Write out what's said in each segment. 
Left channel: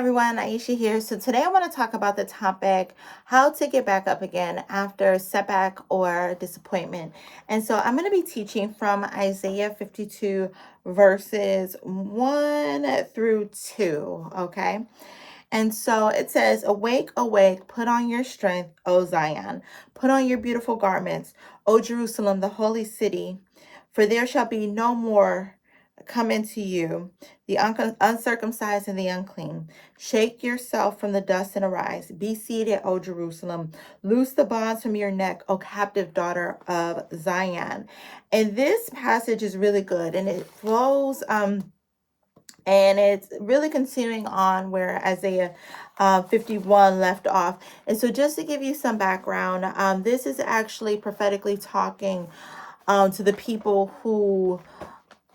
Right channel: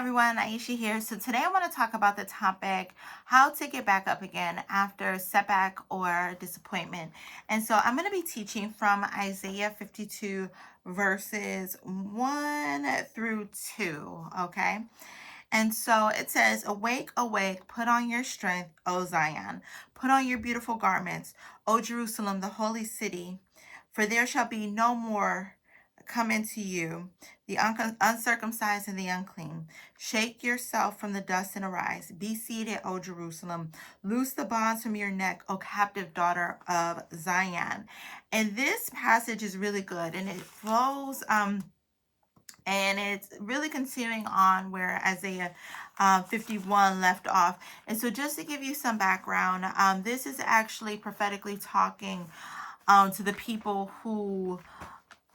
everyone, Aisha here. So today I want to talk about the topic how to get back up again after setback or disappointment. And so I'm going to be teaching from Isaiah 52 verses 1 through 2, okay? And so it says, "Awake, awake, put on your strength, O Zion. Put on your beautiful garments, O Jerusalem, the holy city. For there shall be no more come into you, the uncircumcised and the unclean. Shake yourself from the dust and arise. Be seated, O Jerusalem. Loose the bonds from your neck, O captive daughter of Zion." And this passage is really good, and it flows and it's really continuing on where Isaiah 51 left off. And so just to give you some background, this is actually prophetically talking to the people who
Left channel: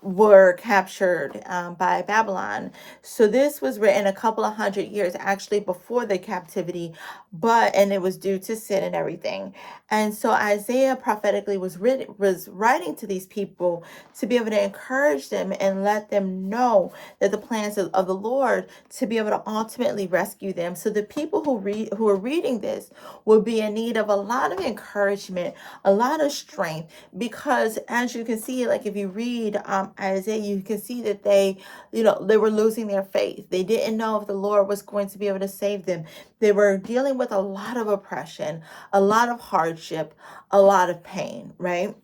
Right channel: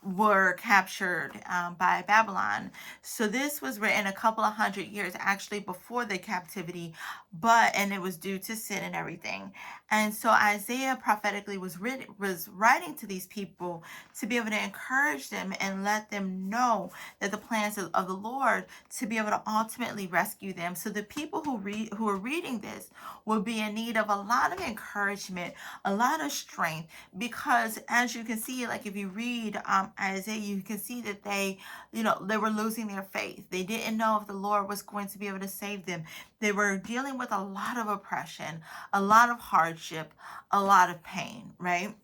were captured by Babylon. So this was written a couple of hundred years actually before the captivity, and it was due to sin and everything. And so Isaiah prophetically was writing to these people to be able to encourage them and let them know that the plans of the Lord to be able to ultimately rescue them. So the people who are reading this will be in need of a lot of encouragement, a lot of strength, because as you can see, like if you read Isaiah, you can see that they were losing their faith. They didn't know if the Lord was going to be able to save them. They were dealing with a lot of oppression, a lot of hardship, a lot of pain, right?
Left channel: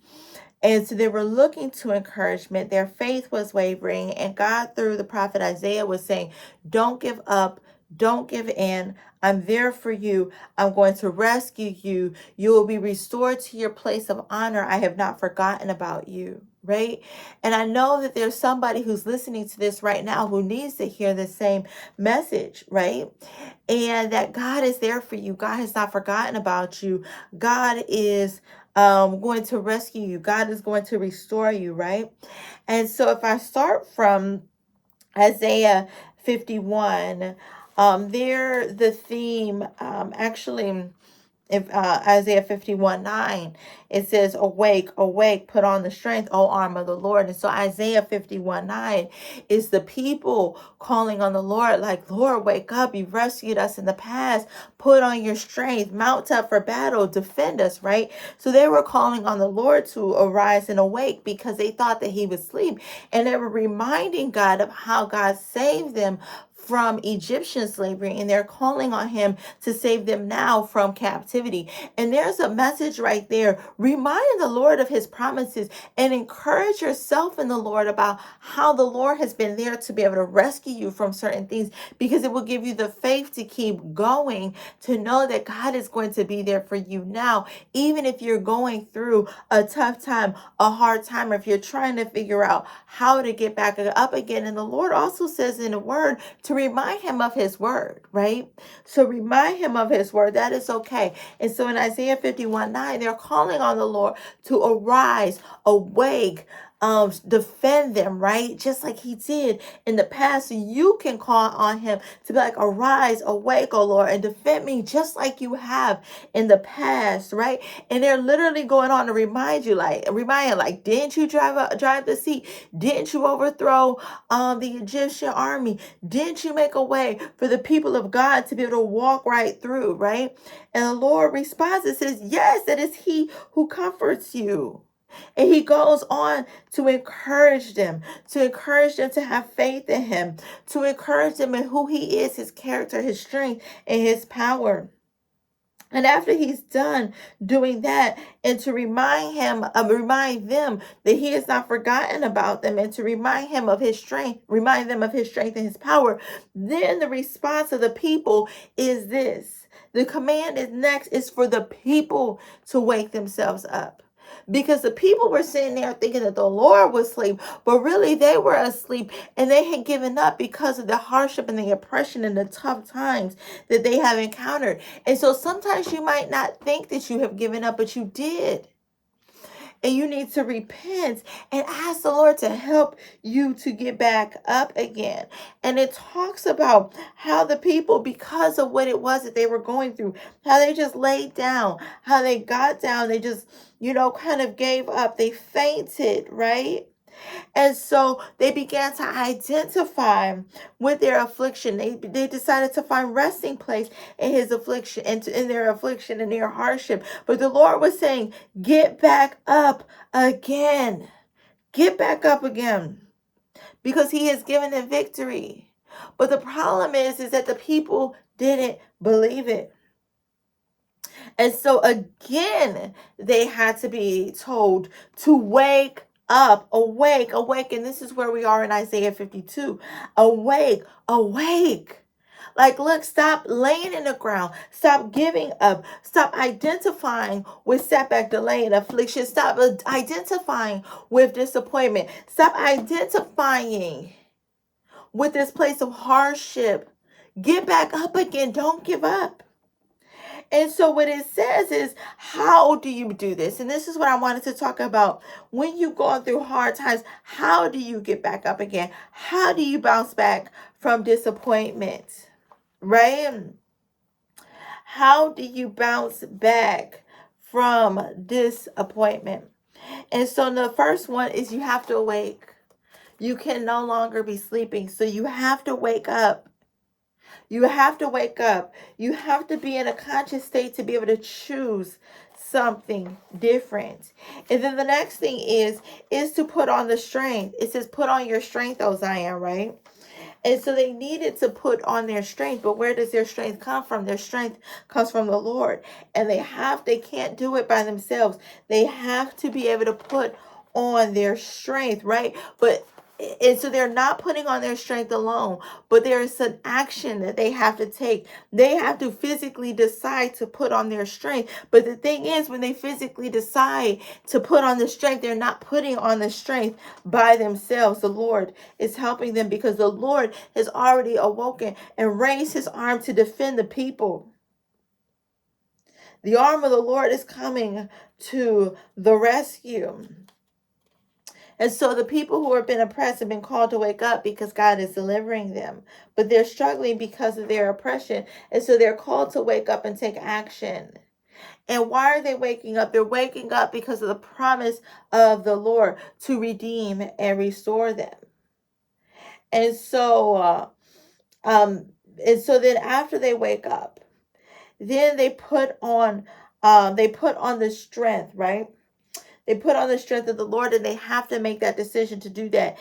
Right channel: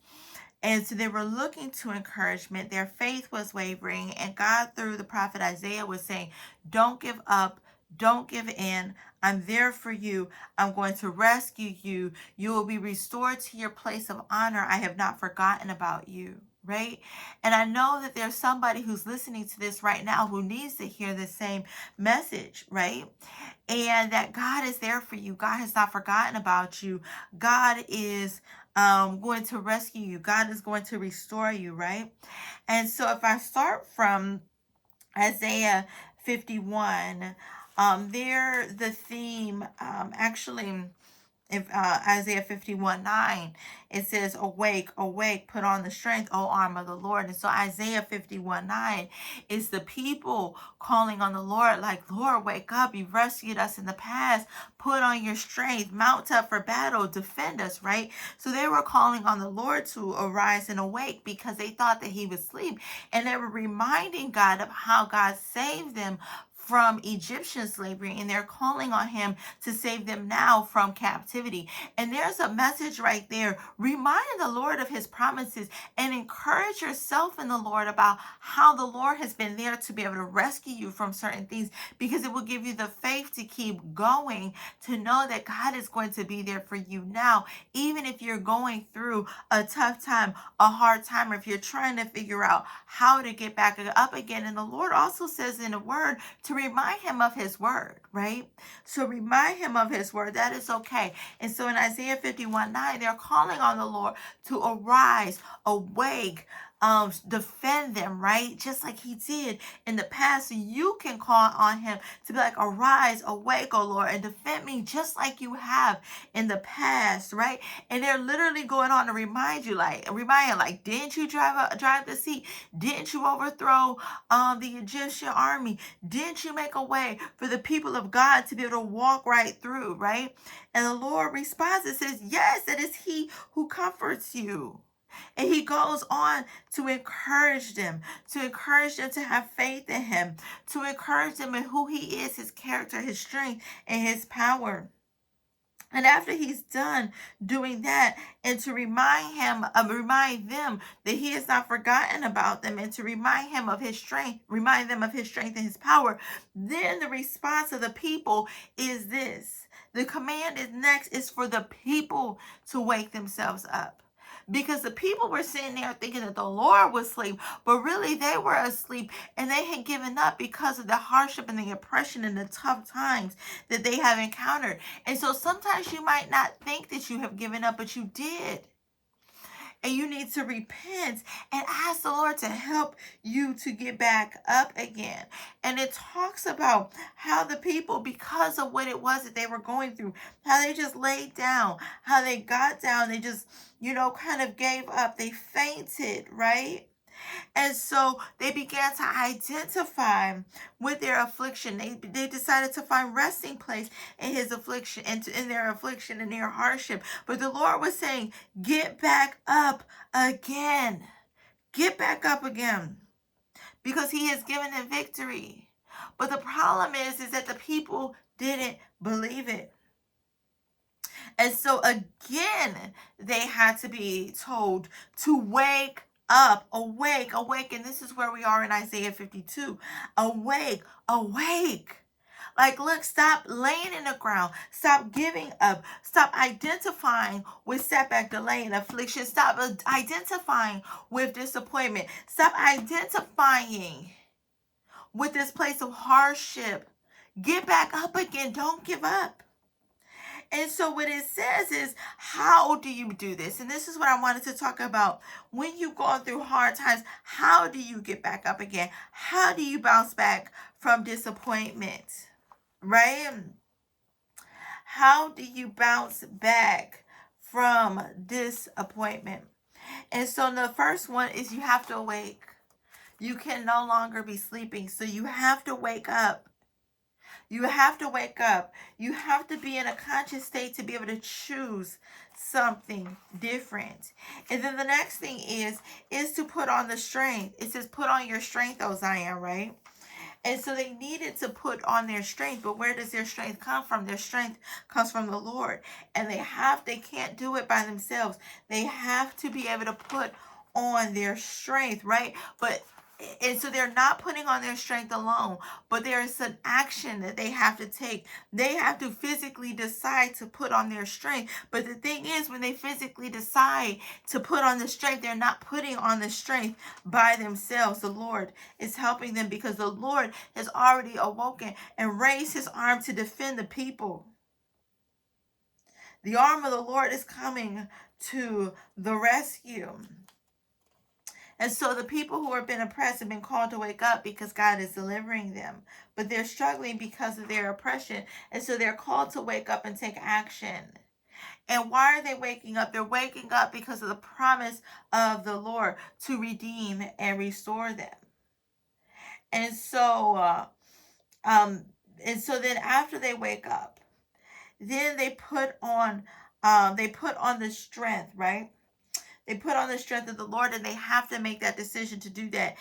And so they were looking to encouragement. Their faith was wavering, and God, through the prophet Isaiah, was saying, "Don't give up. Don't give in. I'm there for you. I'm going to rescue you. You will be restored to your place of honor. I have not forgotten about you." Right? And I know that there's somebody who's listening to this right now who needs to hear the same message, right? And that God is there for you. God has not forgotten about you. God is going to rescue you. God is going to restore you, right? And so if I start from Isaiah 51, there the theme actually, if Isaiah 51:9, it says, "Awake, awake, put on the strength, O arm of the Lord." And so Isaiah 51:9 is the people calling on the Lord, like, "Lord, wake up. You've rescued us in the past. Put on your strength, mount up for battle, defend us," right? So they were calling on the Lord to arise and awake because they thought that he was asleep. And they were reminding God of how God saved them from Egyptian slavery, and they're calling on him to save them now from captivity. And there's a message right there. Remind the Lord of his promises and encourage yourself in the Lord about how the Lord has been there to be able to rescue you from certain things, because it will give you the faith to keep going, to know that God is going to be there for you now, even if you're going through a tough time, a hard time, or if you're trying to figure out how to get back up again. And the Lord also says in the word to remind him of his word, right? So remind him of his word. That is okay. And so in Isaiah 51:9, they're calling on the Lord to arise, awake, defend them, right? Just like he did in the past. So you can call on him to be like, "Arise, awake, O Lord, and defend me just like you have in the past," right? And they're literally going on to remind you, like, "Didn't you drive the sea? Didn't you overthrow the Egyptian army? Didn't you make a way for the people of God to be able to walk right through," right? And the Lord responds and says, "Yes, it is he who comforts you." And he goes on to encourage them, to have faith in him, to encourage them in who he is, his character, his strength, and his power. And after he's done doing that, and to remind them that he has not forgotten about them, and to remind them of his strength and his power, then the response of the people is this. The command is for the people to wake themselves up. Because the people were sitting there thinking that the Lord was asleep, but really they were asleep, and they had given up because of the hardship and the oppression and the tough times that they have encountered. And so sometimes you might not think that you have given up, but you did. And you need to repent and ask the Lord to help you to get back up again. And it talks about how the people, because of what it was that they were going through, how they just laid down, how they got down, they just, kind of gave up. They fainted, right? And so they began to identify with their affliction. They decided to find resting place in his affliction and in their affliction and their hardship. But the Lord was saying, get back up again. Get back up again, because he has given them victory. But the problem is that the people didn't believe it. And so again, they had to be told to wake up, awake, awake. And this is where we are in Isaiah 52. Awake, awake. Like, look, stop laying in the ground. Stop giving up. Stop identifying with setback, delay, and affliction. Stop identifying with disappointment. Stop identifying with this place of hardship. Get back up again. Don't give up. And so what it says is, how do you do this? And this is what I wanted to talk about. When you're going through hard times, how do you get back up again? How do you bounce back from disappointment? Right? How do you bounce back from disappointment? And so the first one is you have to awake. You can no longer be sleeping. So you have to wake up. You have to wake up. You have to be in a conscious state to be able to choose something different. And then the next thing is to put on the strength. It says, put on your strength, O Zion, right? And so they needed to put on their strength. But where does their strength come from? Their strength comes from the Lord. And they can't do it by themselves. They have to be able to put on their strength, right? And so they're not putting on their strength alone, but there is an action that they have to take. They have to physically decide to put on their strength. But the thing is, when they physically decide to put on the strength, they're not putting on the strength by themselves. The Lord is helping them, because the Lord has already awoken and raised his arm to defend the people. The arm of the Lord is coming to the rescue. And so the people who have been oppressed have been called to wake up because God is delivering them. But they're struggling because of their oppression. And so they're called to wake up and take action. And why are they waking up? They're waking up because of the promise of the Lord to redeem and restore them. And so, then after they wake up, then they put on the strength, right? They put on the strength of the Lord, and they have to make that decision to do that.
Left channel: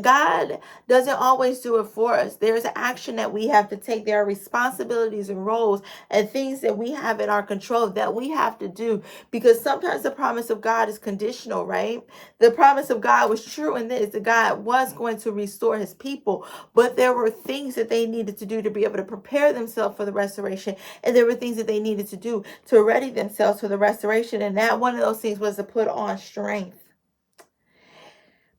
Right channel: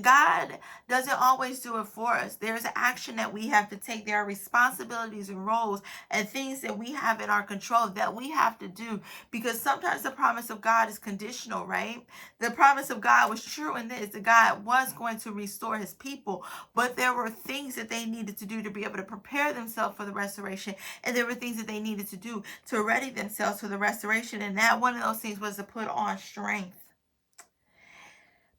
God doesn't always do it for us. There's action that we have to take. There are responsibilities and roles and things that we have in our control that we have to do, because sometimes the promise of God is conditional, right? The promise of God was true in this, that God was going to restore his people, but there were things that they needed to do to be able to prepare themselves for the restoration, and there were things that they needed to do to ready themselves for the restoration, and that one of those things was to put on strength.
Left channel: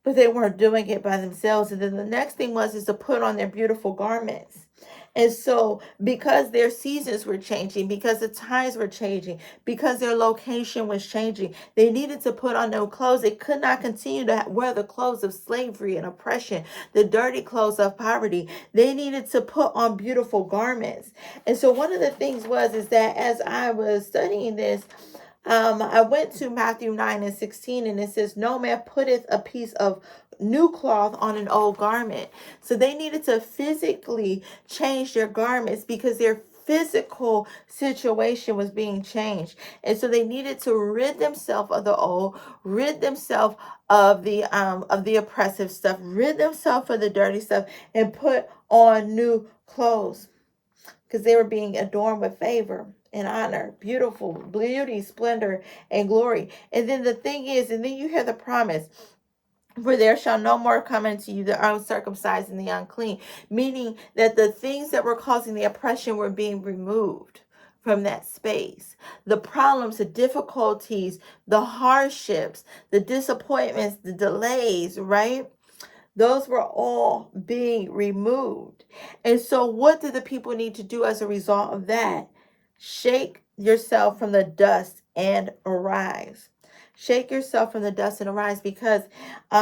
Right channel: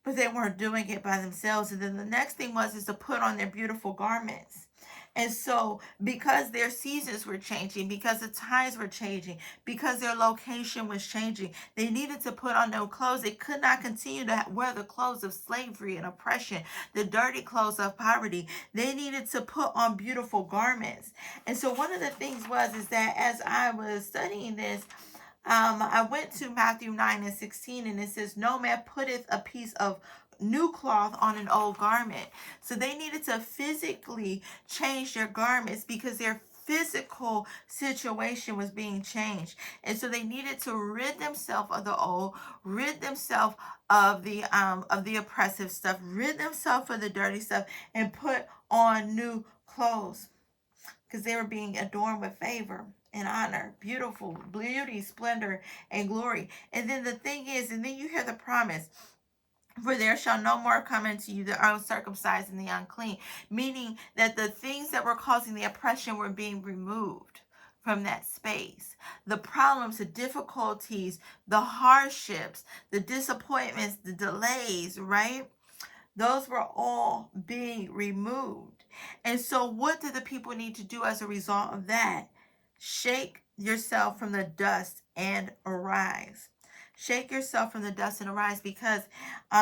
But they weren't doing it by themselves. And then the next thing is to put on their beautiful garments. And so, because their seasons were changing, because the times were changing, because their location was changing, they needed to put on new clothes. They could not continue to wear the clothes of slavery and oppression, the dirty clothes of poverty. They needed to put on beautiful garments. And so one of the things is that as I was studying this, I went to Matthew 9:16, and it says, no man putteth a piece of new cloth on an old garment. So they needed to physically change their garments because their physical situation was being changed. And so they needed to rid themselves of the old, rid themselves of the oppressive stuff, rid themselves of the dirty stuff, and put on new clothes, because they were being adorned with favor and honor, beautiful beauty, splendor, and glory. And then the thing is, and then you hear the promise, for there shall no more come into you the uncircumcised and the unclean, meaning that the things that were causing the oppression were being removed from that space. The problems, the difficulties, the hardships, the disappointments, the delays, right? Those were all being removed. And so what do the people need to do as a result of that? Shake yourself from the dust and arise. Shake yourself from the dust and arise, because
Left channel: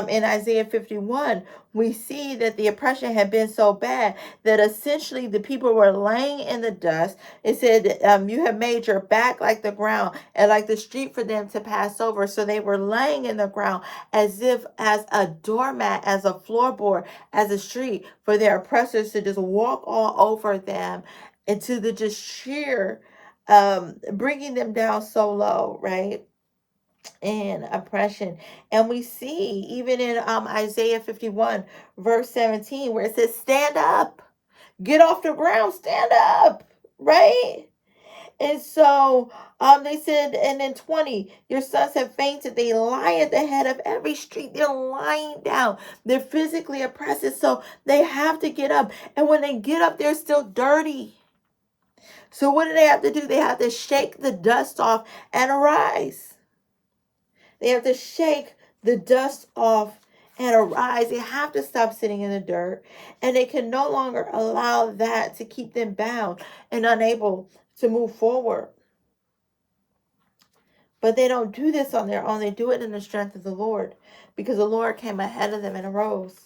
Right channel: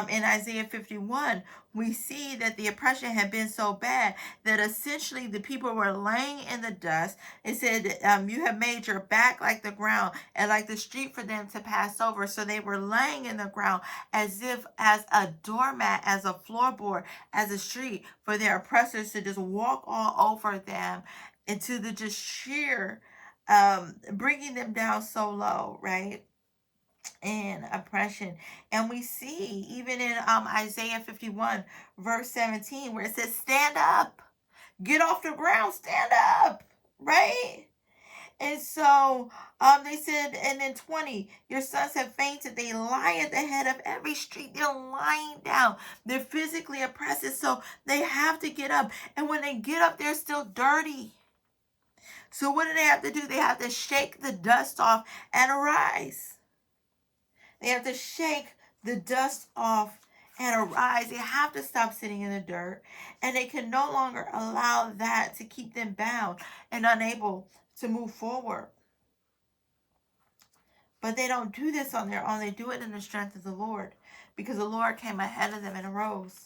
in Isaiah 51, we see that the oppression had been so bad that essentially the people were laying in the dust. It said, you have made your back like the ground and like the street for them to pass over. So they were laying in the ground as if as a doormat, as a floorboard, as a street for their oppressors to just walk all over them, and to the just sheer bringing them down so low, right? And oppression. And we see even in Isaiah 51 verse 17, where it says, stand up, get off the ground, stand up, right? And so they said, and then 20, your sons have fainted. They lie at the head of every street. They're lying down. They're physically oppressed. So they have to get up. And when they get up, they're still dirty. So what do they have to do? They have to shake the dust off and arise. They have to shake the dust off and arise. They have to stop sitting in the dirt. And they can no longer allow that to keep them bound and unable to move forward. But they don't do this on their own. They do it in the strength of the Lord, because the Lord came ahead of them and arose.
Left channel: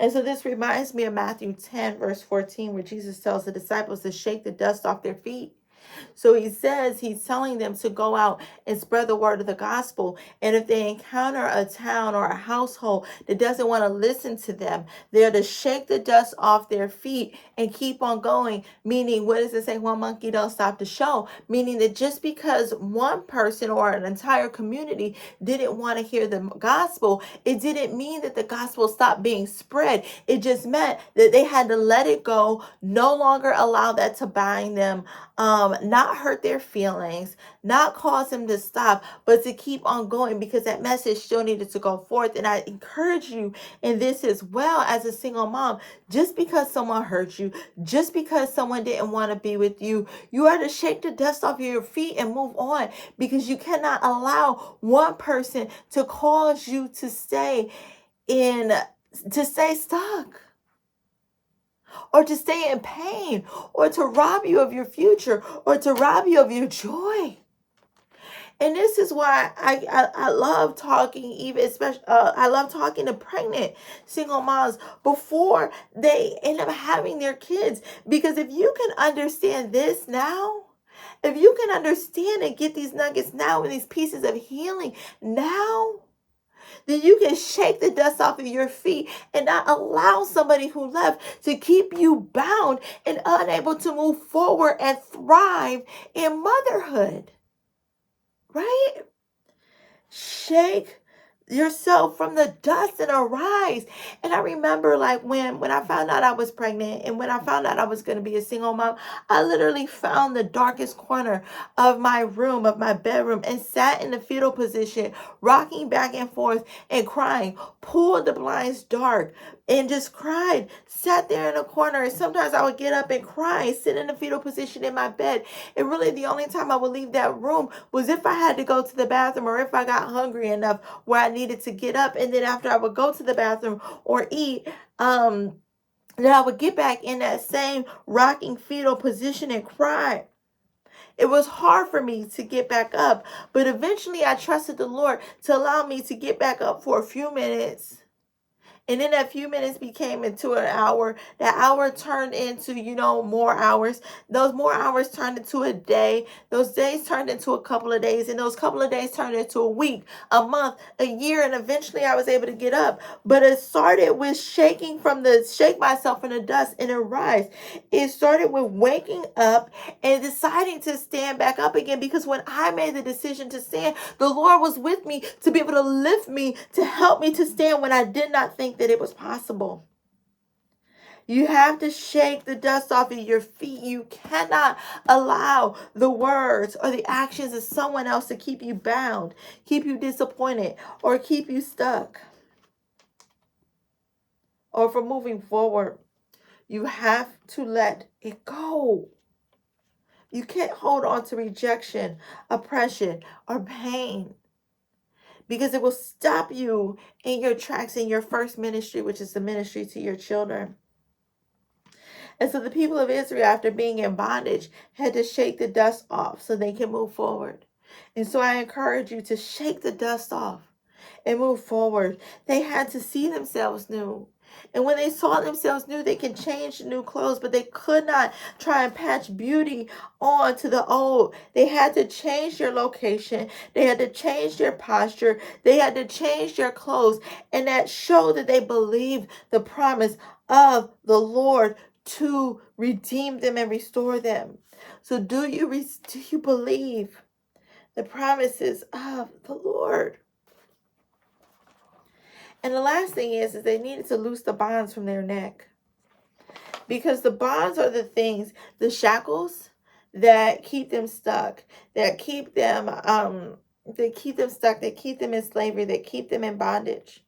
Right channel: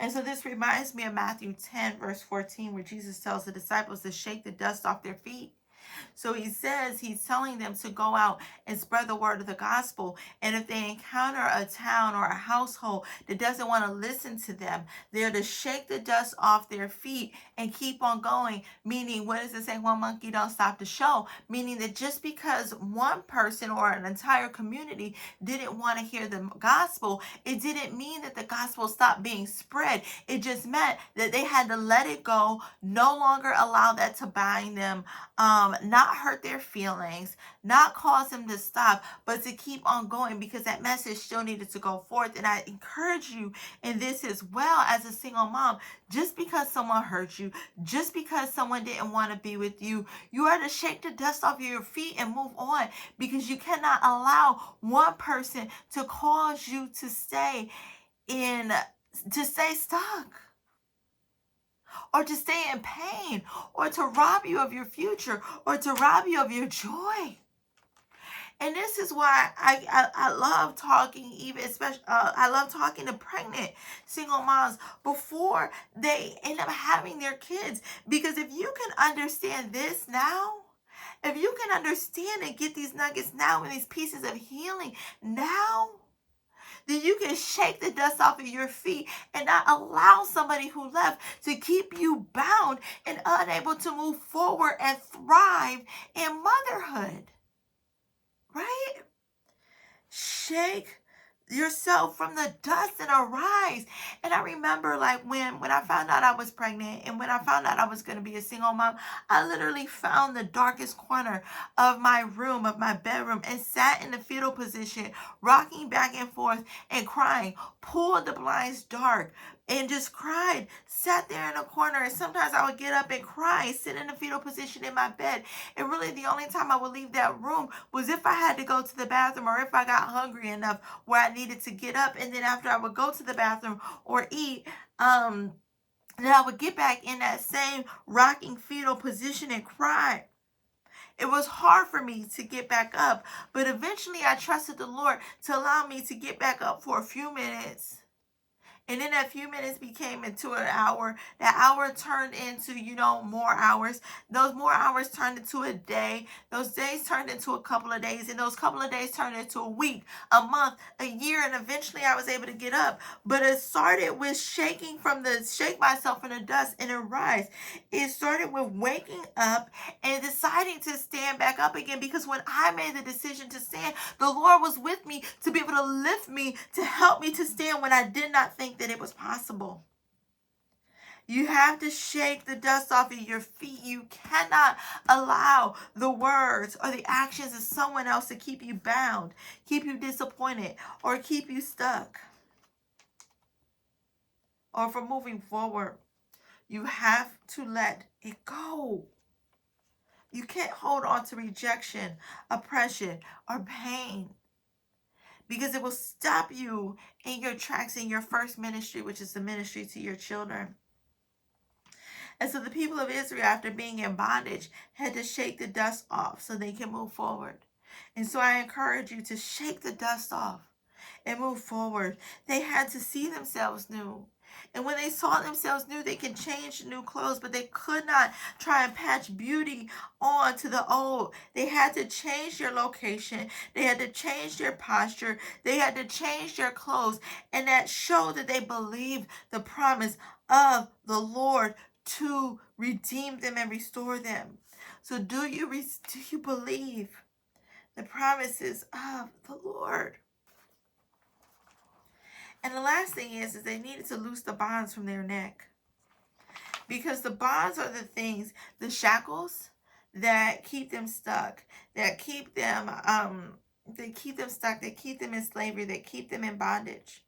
And so this reminds me of Matthew 10, verse 14, where Jesus tells the disciples to shake the dust off their feet. So he says, he's telling them to go out and spread the word of the gospel. And if they encounter a town or a household that doesn't want to listen to them, they're to shake the dust off their feet and keep on going. Meaning, what does it say? One monkey don't stop the show. Meaning that just because one person or an entire community didn't want to hear the gospel, it didn't mean that the gospel stopped being spread. It just meant that they had to let it go, no longer allow that to bind them, not hurt their feelings, not cause them to stop, but to keep on going, because that message still needed to go forth. And I encourage you in this as well, as a single mom. Just because someone hurt you, just because someone didn't want to be with you, you are to shake the dust off your feet and move on, because you cannot allow one person to cause you to stay stuck, or to stay in pain, or to rob you of your future, or to rob you of your joy. And this is why I love talking, even especially I love talking to pregnant single moms before they end up having their kids. Because if you can understand this now, if you can understand and get these nuggets now and these pieces of healing now, then you can shake the dust off of your feet and not allow somebody who left to keep you bound and unable to move forward and thrive in motherhood. Right? Shake yourself from the dust and arise. And I remember, like, when I found out I was pregnant and when I found out I was going to be a single mom, I literally found the darkest corner of my room, of my bedroom, and sat in the fetal position, rocking back and forth and crying, pulled the blinds dark and just cried, sat there in a corner. And sometimes I would get up and cry, sit in the fetal position in my bed. And really the only time I would leave that room was if I had to go to the bathroom, or if I got hungry enough where I needed to get up. And then after I would go to the bathroom or eat, then I would get back in that same rocking fetal position and cry. It was hard for me to get back up, but eventually I trusted the Lord to allow me to get back up for a few minutes. And then that few minutes became into an hour. That hour turned into, more hours. Those more hours turned into a day. Those days turned into a couple of days. And those couple of days turned into a week, a month, a year. And eventually I was able to get up. But it started with shake myself in the dust and arise. It started with waking up and deciding to stand back up again. Because when I made the decision to stand, the Lord was with me to be able to lift me, to help me to stand when I did not think that it was possible. You have to shake the dust off of your feet. You cannot allow the words or the actions of someone else to keep you bound, keep you disappointed, or keep you stuck, or from moving forward. You have to let it go. You can't hold on to rejection, oppression, or pain, because it will stop you in your tracks in your first ministry, which is the ministry to your children. And so the people of Israel, after being in bondage, had to shake the dust off so they can move forward. And so I encourage you to shake the dust off and move forward. They had to see themselves new. And when they saw themselves new, they can change new clothes, but they could not try and patch beauty on to the old. They had to change their location. They had to change their posture. They had to change their clothes. And that showed that they believed the promise of the Lord to redeem them and restore them. So do you believe the promises of the Lord? And the last thing is they needed to loose the bonds from their neck. Because the bonds are the things, the shackles that keep them stuck, that keep them stuck, that keep them in slavery, that keep them in bondage.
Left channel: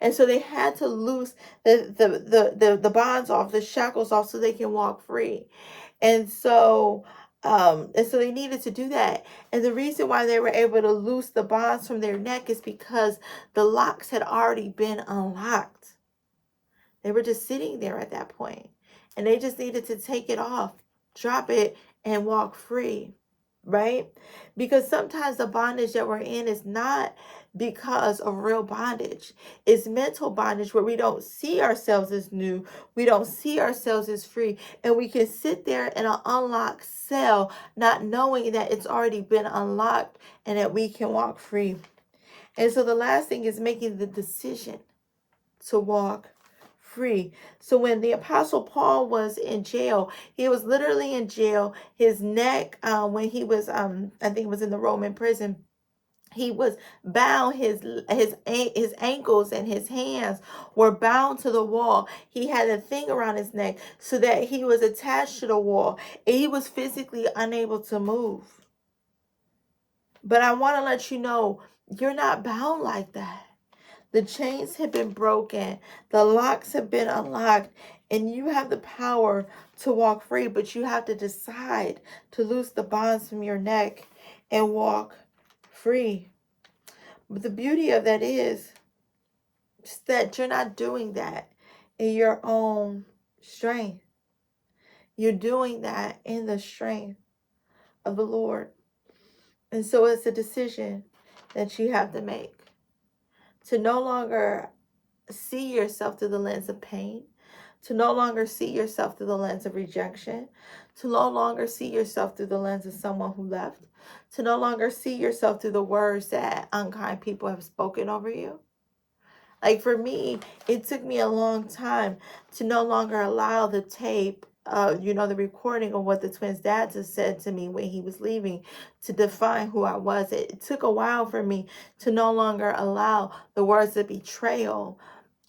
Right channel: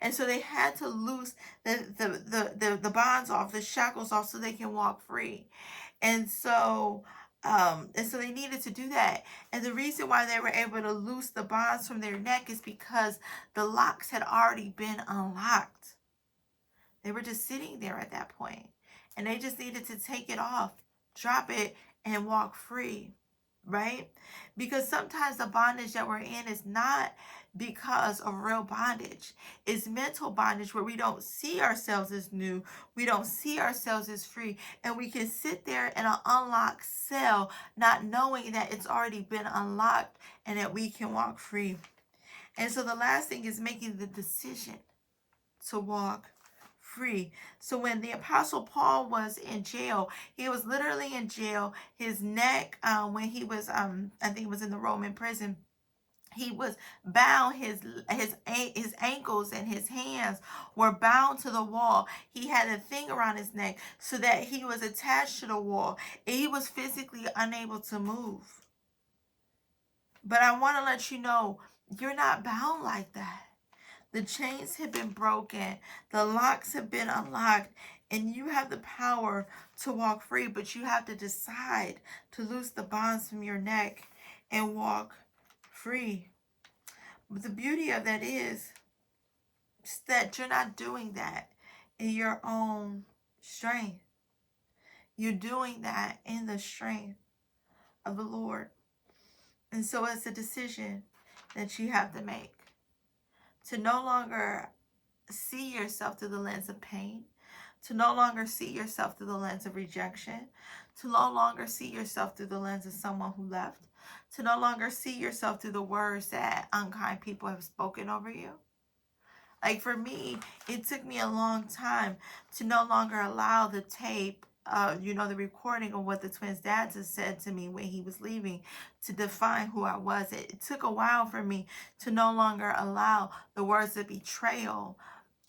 And so they had to loose the bonds off, the shackles off, so they can walk free. And so they needed to do that. And the reason why they were able to loose the bonds from their neck is because the locks had already been unlocked. They were just sitting there at that point, and they just needed to take it off, drop it, and walk free, right? Because sometimes the bondage that we're in is not because of real bondage. It's mental bondage where we don't see ourselves as new. We don't see ourselves as free. And we can sit there in an unlocked cell, not knowing that it's already been unlocked and that we can walk free. And so the last thing is making the decision to walk free. So when the Apostle Paul was in jail, he was literally in jail. His neck, when he was, I think it was in the Roman prison, he was bound. His ankles and his hands were bound to the wall. He had a thing around his neck so that he was attached to the wall. And he was physically unable to move. But I want to let you know, you're not bound like that. The chains have been broken. The locks have been unlocked. And you have the power to walk free. But you have to decide to loose the bonds from your neck and walk free. But the beauty of that is that you're not doing that in your own strength. You're doing that in the strength of the Lord. And so it's a decision that you have to make. To no longer see yourself through the lens of pain, to no longer see yourself through the lens of rejection, to no longer see yourself through the lens of someone who left, to no longer see yourself through the words that unkind people have spoken over you. Like for me, it took me a long time to no longer allow the tape, the recording of what the twins' dads had said to me when he was leaving to define who I was. It took a while for me to no longer allow the words of betrayal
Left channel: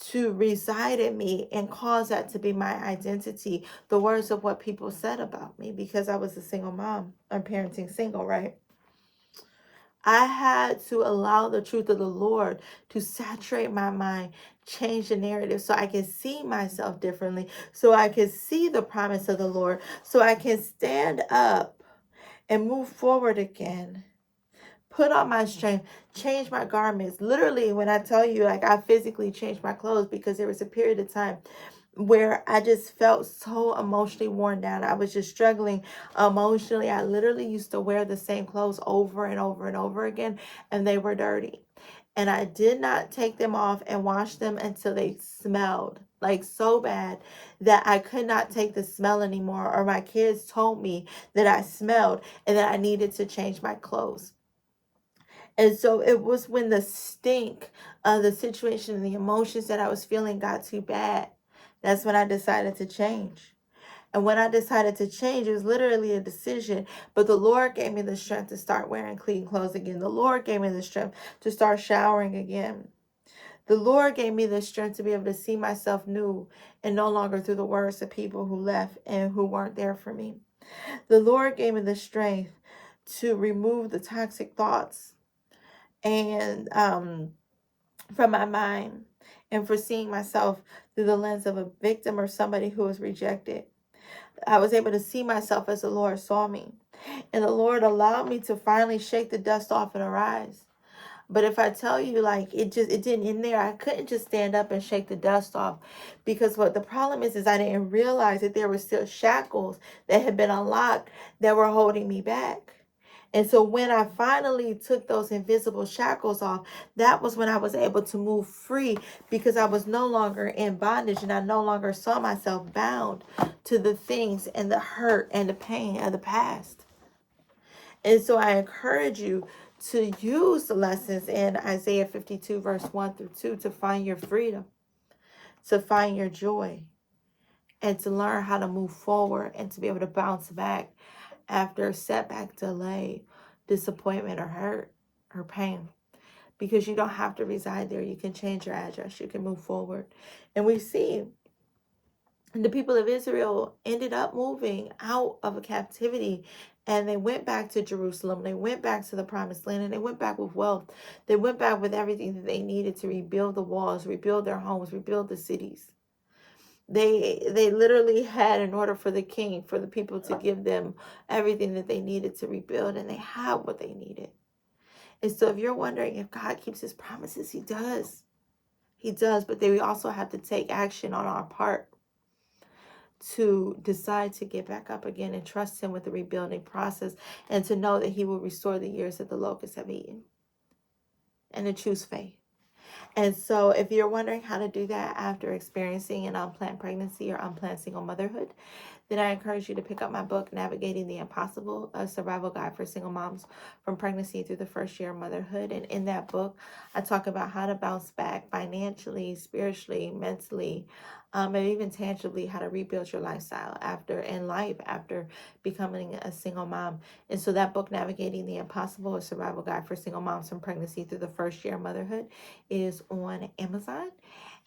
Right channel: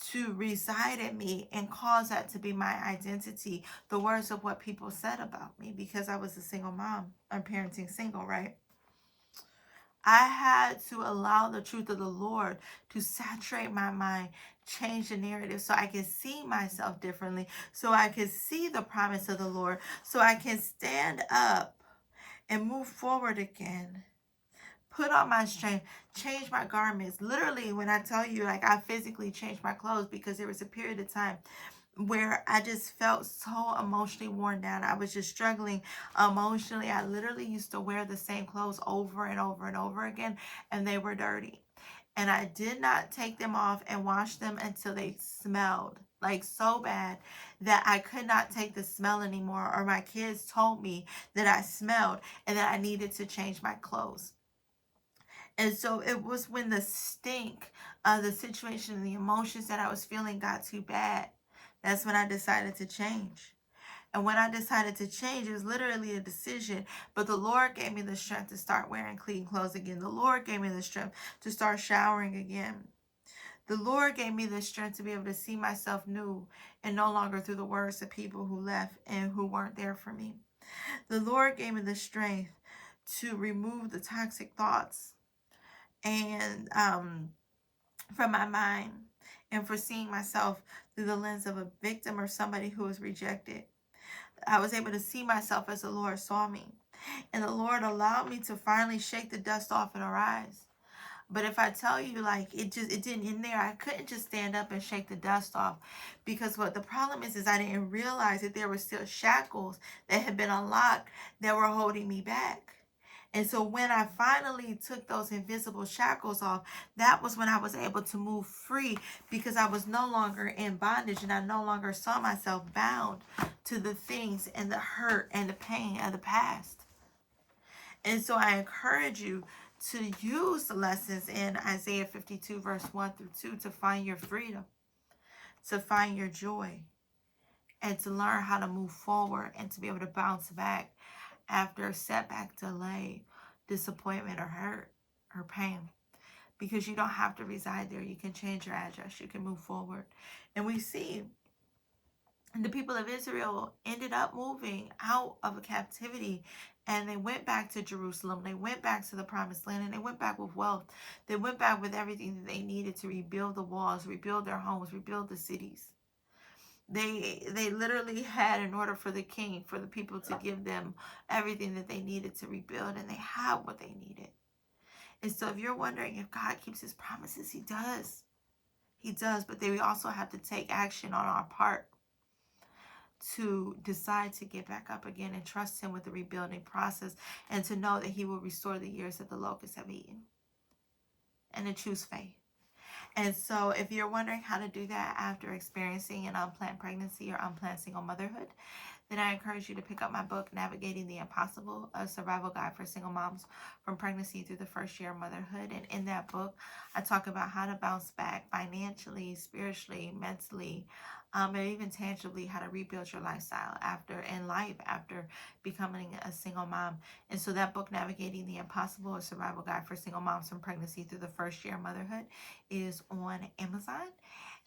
to reside in me and cause that to be my identity, the words of what people said about me, because I was a single mom. I'm parenting single, right? I had to allow the truth of the Lord to saturate my mind, change the narrative so I can see myself differently, so I can see the promise of the Lord, so I can stand up and move forward again. Put on my strength, change my garments. Literally, when I tell you, like, I physically changed my clothes because there was a period of time where I just felt so emotionally worn down. I was just struggling emotionally. I literally used to wear the same clothes over and over and over again, and they were dirty. And I did not take them off and wash them until they smelled like so bad that I could not take the smell anymore. Or my kids told me that I smelled and that I needed to change my clothes. And so it was when the stink of the situation and the emotions that I was feeling got too bad. That's when I decided to change. And when I decided to change, it was literally a decision. But the Lord gave me the strength to start wearing clean clothes again. The Lord gave me the strength to start showering again. The Lord gave me the strength to be able to see myself new and no longer through the words of people who left and who weren't there for me. The Lord gave me the strength to remove the toxic thoughts and from my mind, and for seeing myself through the lens of a victim or somebody who was rejected. I was able to see myself as the Lord saw me. And the Lord allowed me to finally shake the dust off and arise. But if I tell you, like, it didn't end there. I couldn't just stand up and shake the dust off, because what the problem is I didn't realize that there were still shackles that had been unlocked that were holding me back. And so when I finally took those invisible shackles off, that was when I was able to move free, because I was no longer in bondage and I no longer saw myself bound to the things and the hurt and the pain of the past. And so I encourage you to use the lessons in Isaiah 52, verse 1 through 2 to find your freedom, to find your joy, and to learn how to move forward and to be able to bounce back after setback, delay, disappointment, or hurt or pain. Because you don't have to reside there. You can change your address. You can move forward. And we see the people of Israel ended up moving out of a captivity, and they went back to Jerusalem. They went back to the promised land, and they went back with wealth. They went back with everything that they needed to rebuild the walls, rebuild their homes, rebuild the cities. They literally had, in order for the king, for the people to give them everything that they needed to rebuild, and they had what they needed. And so if you're wondering if God keeps his promises, he does. He does, but then we also have to take action on our part to decide to get back up again and trust him with the rebuilding process, and to know that he will restore the years that the locusts have eaten, and to choose faith. And so if you're wondering how to do that after experiencing an unplanned pregnancy or unplanned single motherhood, then I encourage you to pick up my book, Navigating the Impossible, a survival guide for single moms from pregnancy through the first year of motherhood. And in that book, I talk about how to bounce back financially, spiritually, mentally, and even tangibly, how to rebuild your lifestyle after becoming a single mom. And so that book, Navigating the Impossible, a survival guide for single moms from pregnancy through the first year of motherhood, is on Amazon.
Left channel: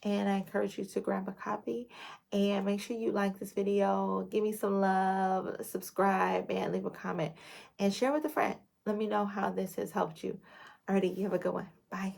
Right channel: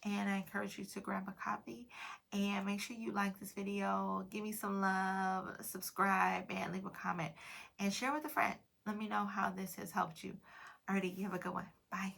And I encourage you to grab a copy, and make sure you like this video, give me some love, subscribe, and leave a comment, and share with a friend. Let me know how this has helped you. Alrighty, you have a good one. Bye.